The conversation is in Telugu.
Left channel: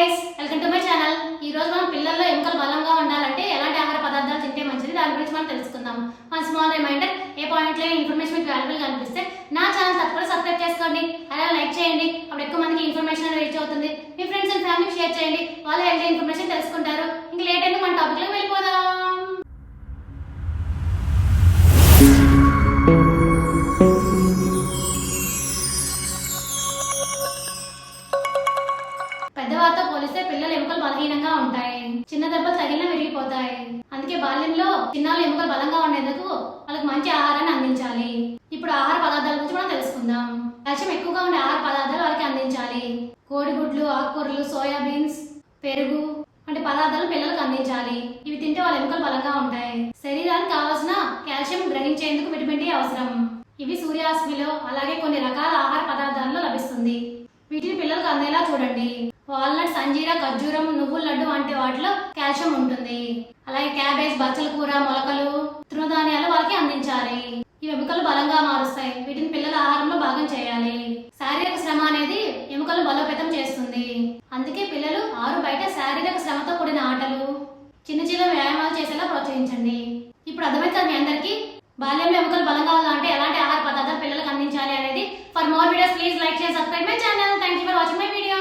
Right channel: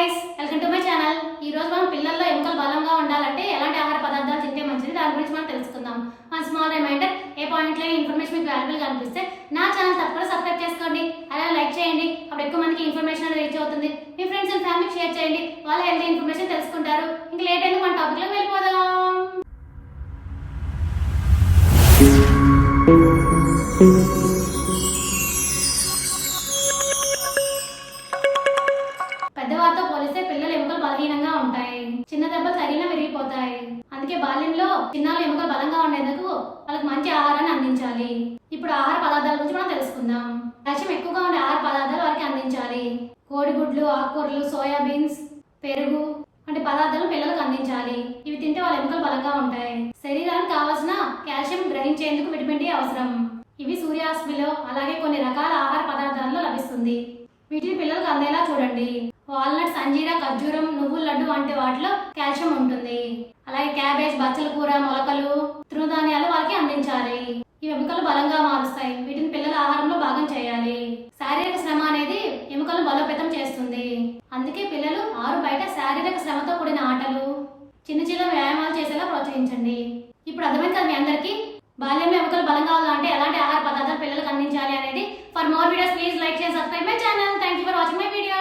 Guys, welcome to my channel. ఈ రోజు మనం పిల్లల్లో ఎముకలు బలంగా ఉండాలంటే ఎలాంటి ఆహార పదార్థాలు తింటే మంచిది దాని గురించి మనం తెలుసుకుందాం. వన్ స్మాల్ రిమైండర్, ఏ పాయింట్లో ఇన్ఫర్మేషన్ మీకు వాల్యుబుల్గా అనిపిస్తే నా ఛానల్ తప్పకుండా సబ్స్క్రైబ్ చేసుకోండి, అలాగే లైక్ చేయండి. అప్పుడు ఎక్కువ మందికి ఇన్ఫర్మేషన్ అనేది రీచ్ అవుతుంది. మీ ఫ్రెండ్స్ అండ్ ఫ్యామిలీకి షేర్ చేయండి, వాళ్ళు హెల్తీ ఇన్ఫర్మేషన్ తెలుసుకుంటారు. ఇంకా లేట్ అయితే మన టాపిక్లోకి వెళ్ళిపోదాం. పెద్దవారితో పోలిస్తే పిల్లల ఎముకలు బలహీనంగా ఉంటాయి. చిన్న దెబ్బలు తగిలినా విరిగిపోతాయి. అందుకే బాల్యంలో చిన్నాళ్ళు ఎముకలు బలంగా ఉండేందుకు వాళ్ళకి మంచి ఆహారాన్ని అందించాలి. ఇప్పుడు ఆహార పదార్థాల గురించి మనం తెలుసుకుందాం. కాల్షియం ఎక్కువగా ఉండే ఆహార పదార్థాలు వారికి అందించాలి. కోడిగుడ్లు, ఆకుకూరలు, సోయాబీన్స్, పెరుగు వంటి పదార్థాలు పిల్లలకు అందించాలి. ఇవి తింటే వాళ్ళ ఎముకలు బలంగా ఉంటాయి. శరీరానికి కావాల్సిన కాల్షియం గ్రహించేందుకు విటమిన్ డి అవసరం. ఇవి సూర్యాస్మిలో అలాగే కొన్ని రకాల ఆహార పదార్థాల్లో లభిస్తుంది. వీటిని పిల్లలకు అందేలా చూడండి. వాల్నట్స్, అంజీరా, ఖర్జూరం, నువ్వుల లడ్డు వంటి వాటిలో కాల్షియం ఉంటుంది. అలాగే క్యాబేజ్, బచ్చల కూర, మొలకలు, తృణధాన్యాలు వాళ్ళకి అందించాలి. ఇవి ఎముకలు బలంగా మారుస్తాయి. వీటిని పిల్లల ఆహారంలో భాగం చేయాలి. శారీరక శ్రమ అనేది ఎముకలను బలోపేతం చేస్తుంది. అందుకే పిల్లలు బయట శారీరక శ్రమతో కూడిన ఆటలు, చిన్న చిన్న వ్యాయామాలు చేసేలా ప్రోత్సహించండి. ఇప్పుడు అర్థమైంది కదా మీ అందరికీ బాల్యంలో ఎముకలు బలంగా ఉండాలంటే ఎలాంటి ఆహార పదార్థాలు పిల్లలకు అందించాలి అనేది. For more videos please like, share, subscribe my channel. Thank you for watching my video.